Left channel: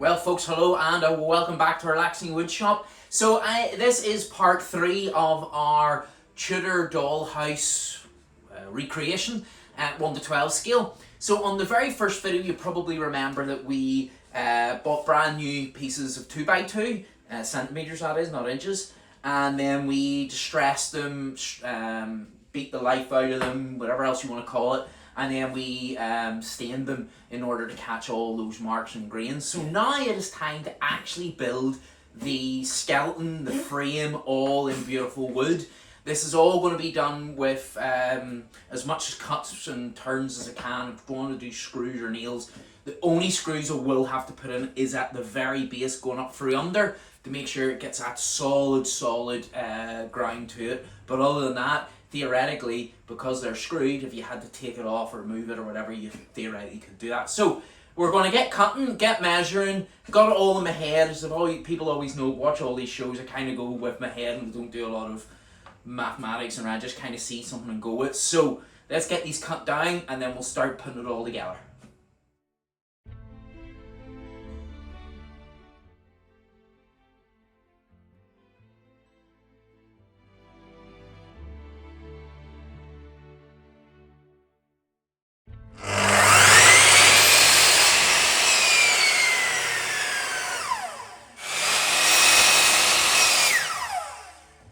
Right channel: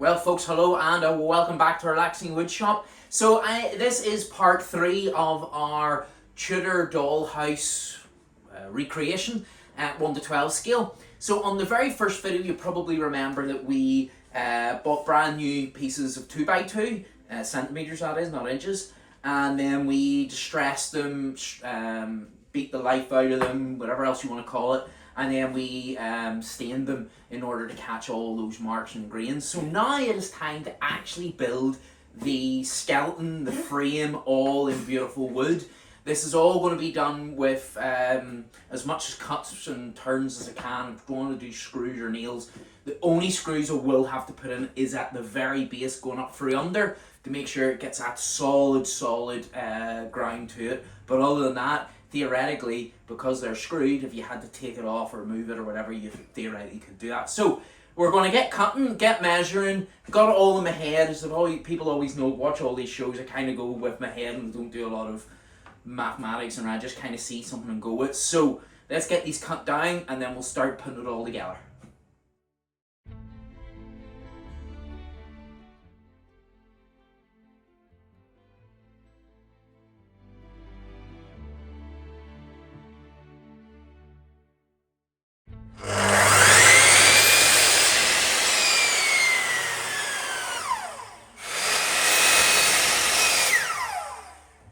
Well, folks, hello and welcome back to Relaxing Woodshop. So this is part 3 of our Tudor Doll House recreation at 1 to 12 scale. So on the very first video, you probably remember that we bought brand new pieces of 2x2, centimeters that is, not inches, and then we distressed them, beat the life out of them, whatever else you want to call it, and then we stained them in order to catch all those marks and grains. So now it is time to actually build the skeleton, the frame, all in beautiful wood. This is all going to be done with as much cuts and turns as I can. If I want to do screws or nails, the only screws I will have to put in is at the very base, going up through under, to make sure it gets that solid grind to it. But other than that, theoretically, because they're screwed, if you had to take it off or move it or whatever, you theoretically could do that. So we're going to get cutting, get measuring, got it all in my head. As people always know, watch all these shows, I kind of go with my head and don't do a lot of mathematics, and I just kind of see something and go with. So let's get these cut down and then we'll start putting it all together.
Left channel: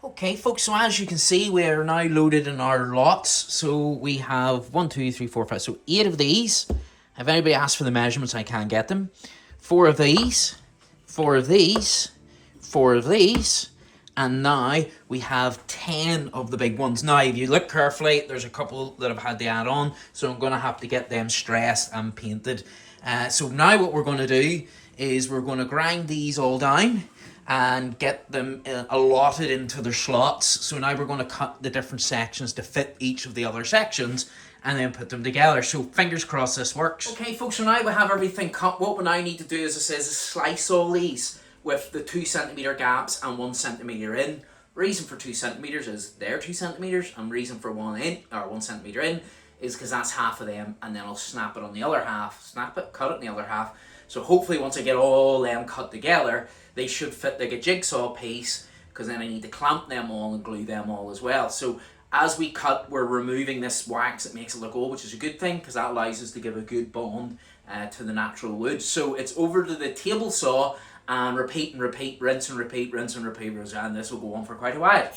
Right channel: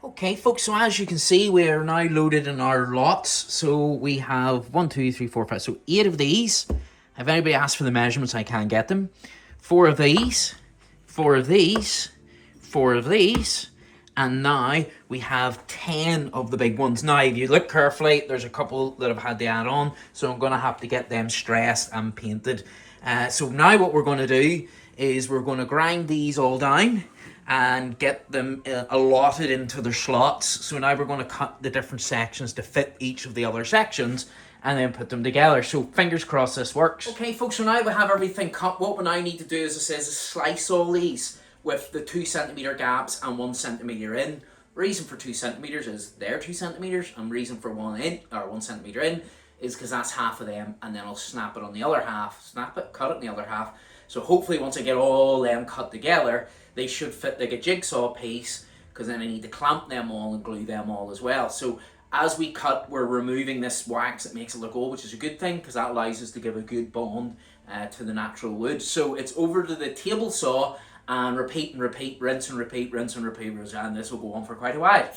Okay, folks, so as you can see, we're now loaded in our lots. So we have 1, 2, 3, 4, 5, so 8 of these. If anybody asks for the measurements, I can get them. 4 of these, 4 of these, 4 of these, and now we have 10 of the big ones. Now, if you look carefully, there's a couple that I've had to add on, so I'm going to have to get them stressed and painted. So now what we're going to do is we're going to grind these all down and get them allotted into their slots. So now we're going to cut the different sections to fit each of the other sections and then put them together. So fingers crossed this works. Okay, folks, so now we have everything cut. What we now need to do, as it says, is slice all these with the 2 centimeter gaps and 1 centimeter in. Reason for 2 centimeters is they're 2 centimeters, and reason for 1 centimeter in is because that's half of them, and then I'll snap it on the other half, snap it, cut it on the other half. So hopefully once I get all them cut together, they should fit like a jigsaw piece, because then I need to clamp them all and glue them all as well. So as we cut, we're removing this wax that makes it look old, which is a good thing because that allows us to give a good bond to the natural wood. So it's over to the table saw and repeat and repeat, rinse and repeat, rinse and repeat, and this will go on for quite a while.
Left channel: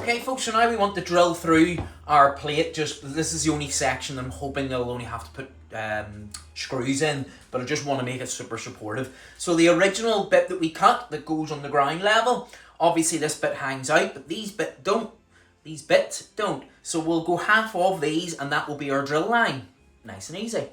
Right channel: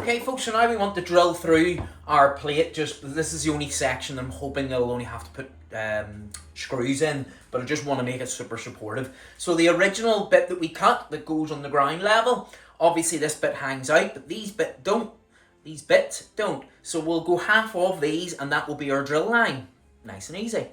Okay, folks, so now we want to drill through our plate. This is the only section I'm hoping I'll only have to put screws in, but I just want to make it super supportive. So the original bit that we cut that goes on the ground level, obviously this bit hangs out, but these bits don't. So we'll go half of these and that will be our drill line. Nice and easy.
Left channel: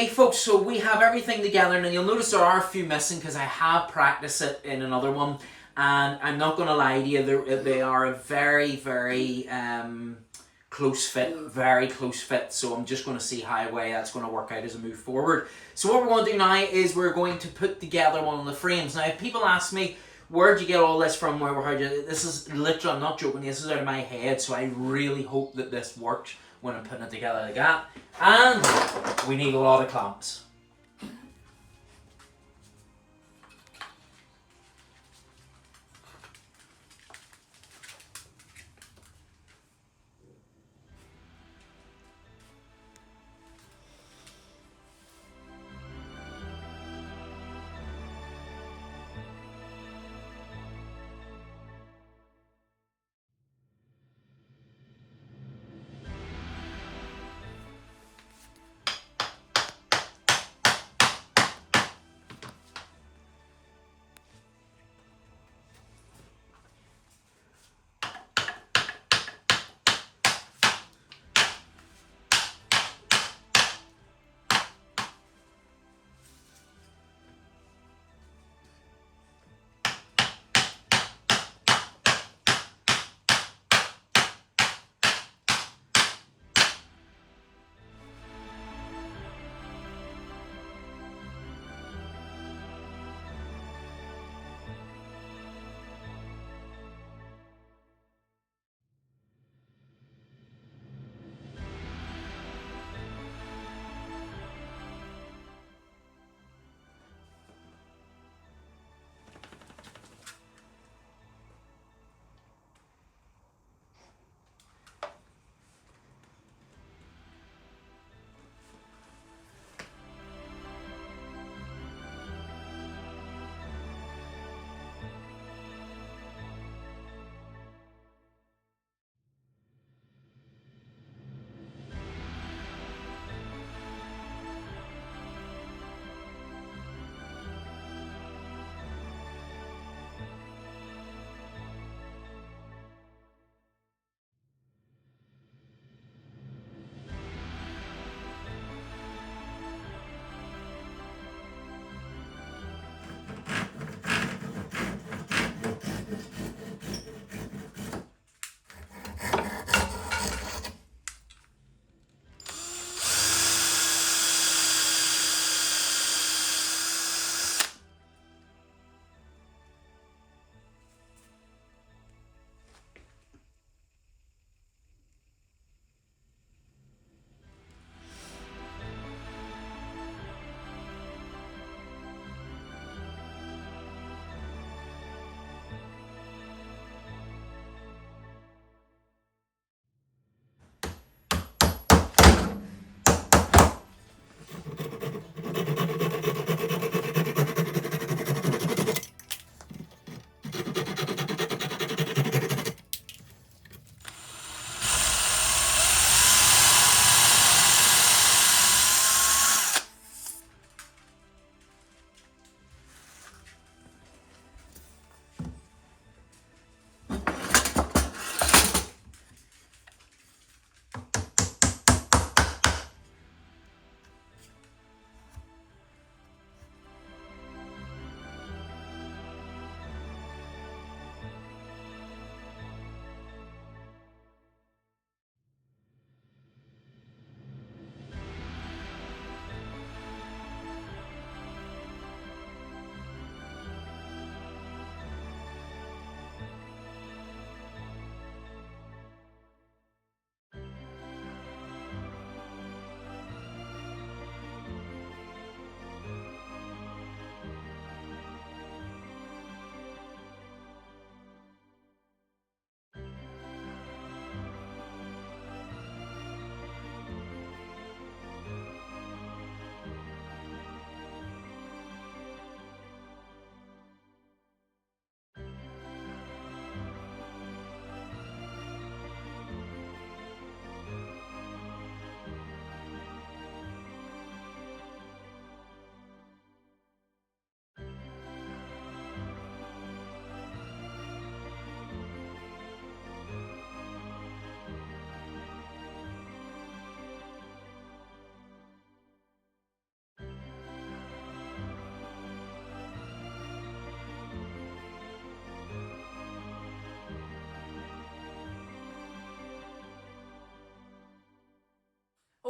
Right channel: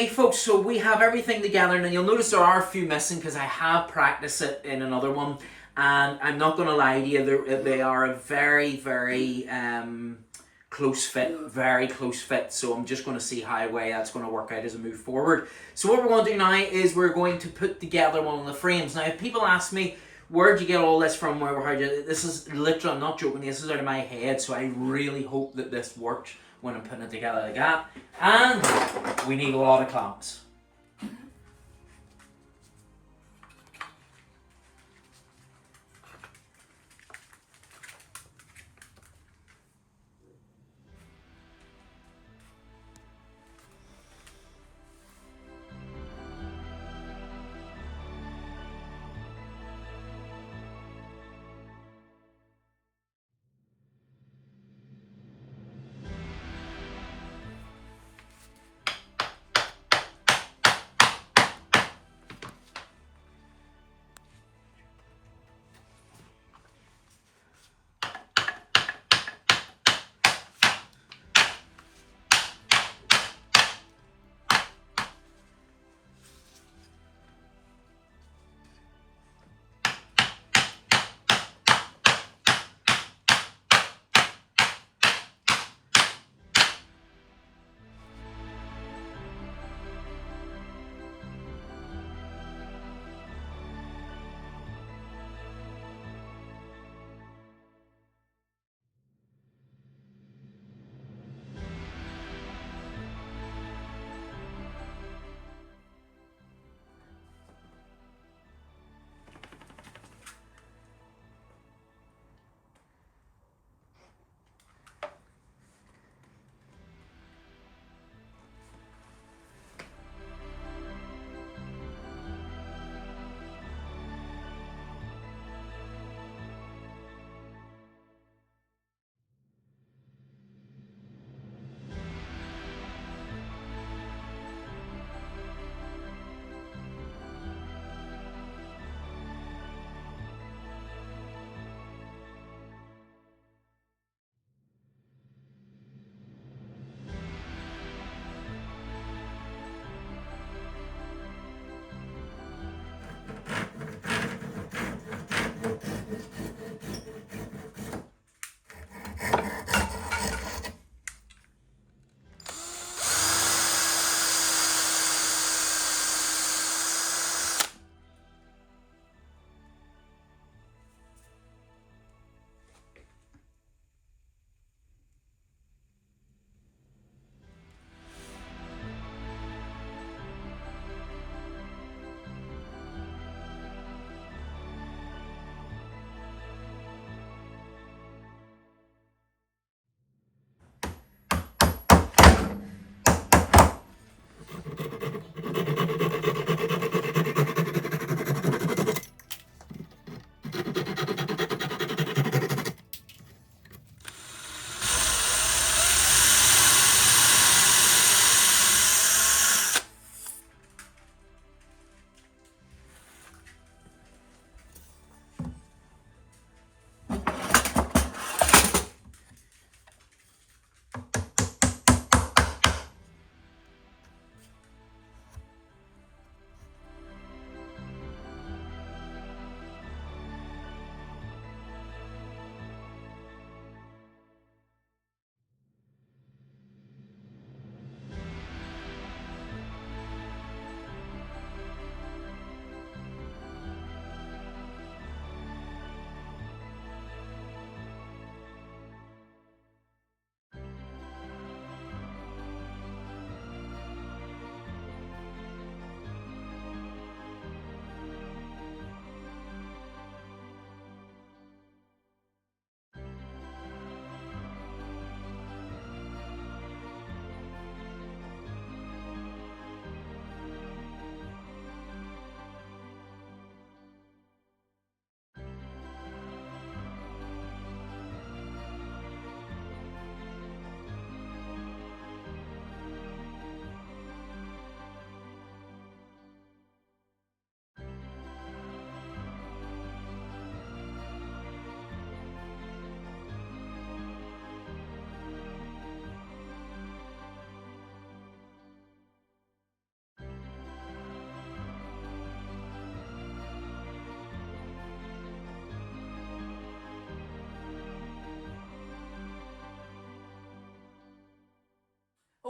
Okay, folks, so we have everything together, and you'll notice there are a few missing because I have practiced it in another one, and I'm not going to lie to you, they are a very, very close fit, very close fit, so I'm just going to see how way that's going to work out as we move forward. So what we're going to do now is we're going to put together one of the frames. Now, if people ask me, where'd you get all this from, this is literally, I'm not joking, this is out of my head, so I really hope that this works when I'm putting it together like that. And we need a lot of clamps.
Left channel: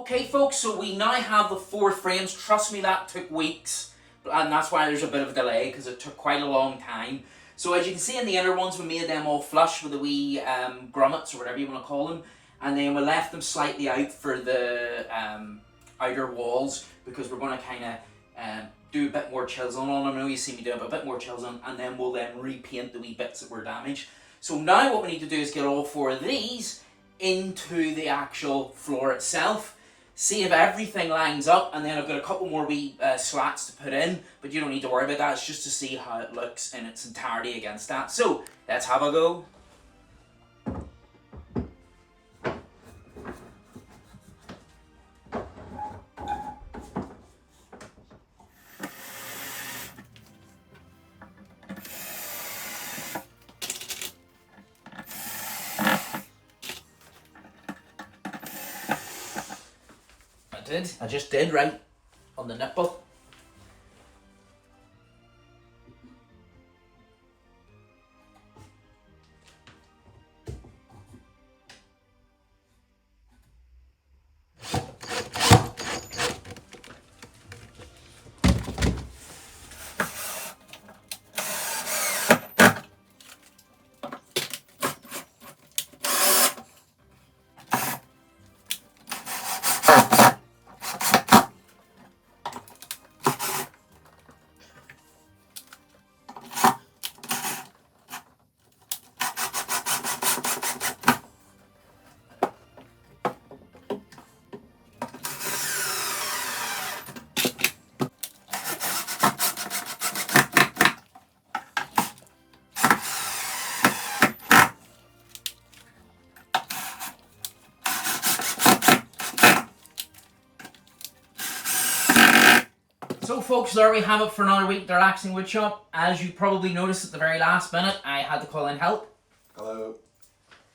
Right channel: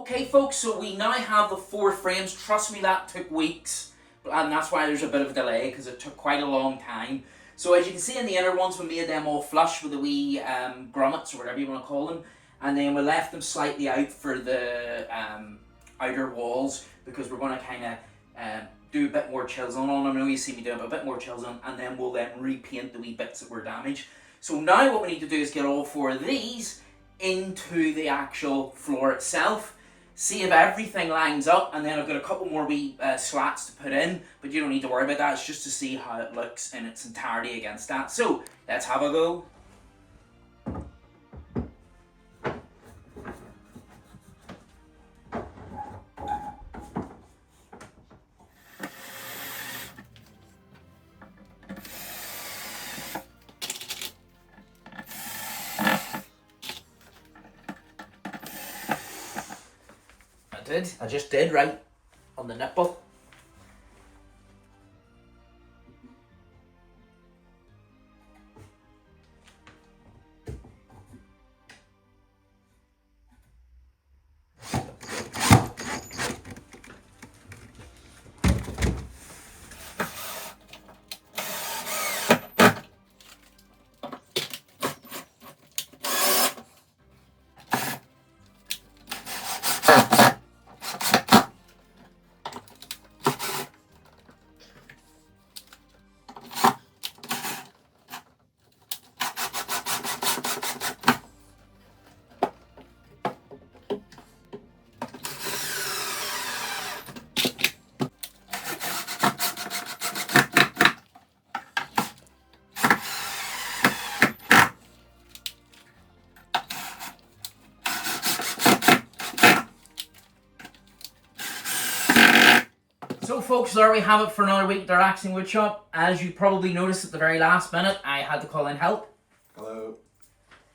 Okay folks, so we now have the 4 frames. Trust me, that took weeks, and that's why there's a bit of a delay, because it took quite a long time. So as you can see in the inner ones, we made them all flush with the wee grommets, or whatever you want to call them, and then we left them slightly out for the outer walls, because we're going to kind of do a bit more chisel on them. I know you see me do a bit more chisel on, and then we'll then repaint the wee bits that were damaged. So now what we need to do is get all 4 of these into the actual floor itself, see if everything lines up, and then I've got a couple more wee slats to put in, but you don't need to worry about that. It's just to see how it looks in its entirety against that. So let's have a go. I just did right on the nipple. So folks, there we have it for another week at the Relaxing Woodshop. As you probably noticed at the very last minute, I had to call in help. Hello.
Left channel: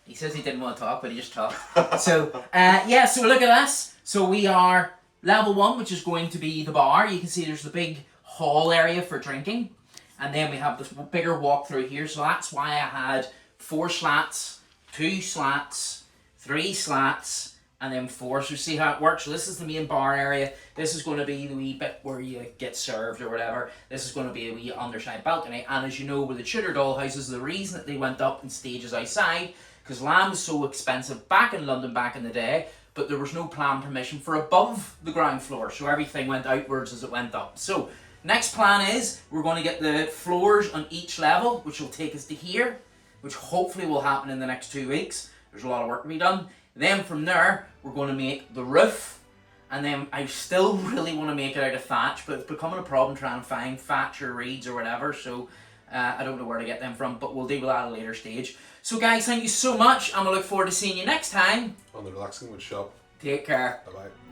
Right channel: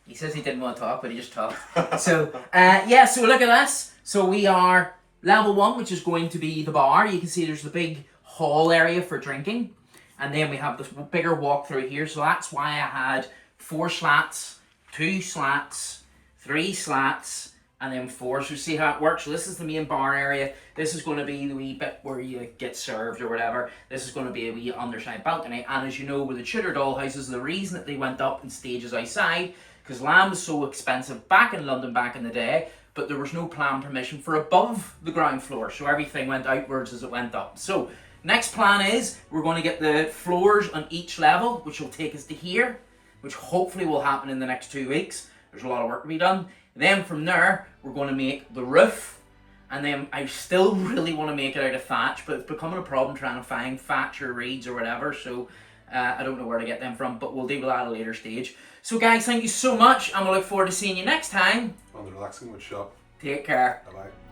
He says he didn't want to talk, but he just talked. So, yeah, so look at this. So we are level 1, which is going to be the bar. You can see there's the big hall area for drinking. And then we have this bigger walk through here. So that's why I had 4 slats, 2 slats, 3 slats, and then 4. So see how it works. So this is the main bar area. This is going to be the wee bit where you get served or whatever. This is going to be a wee underside balcony. And as you know, with the Tudor Doll houses, the reason that they went up in stages outside, because land was so expensive back in London back in the day, but there was no plan permission for above the ground floor. So everything went outwards as it went up. So next plan is we're going to get the floors on each level, which will take us to here, which hopefully will happen in the next 2 weeks. There's a lot of work to be done. Then from there, we're going to make the roof. And then I still really want to make it out of thatch, but it's becoming a problem trying to find thatch or reeds or whatever. So I don't know where to get them from, but we'll deal with that at a later stage. So guys, thank you so much, and we'll look forward to seeing you next time On the Relaxing Woodshop. Take care. Bye-bye.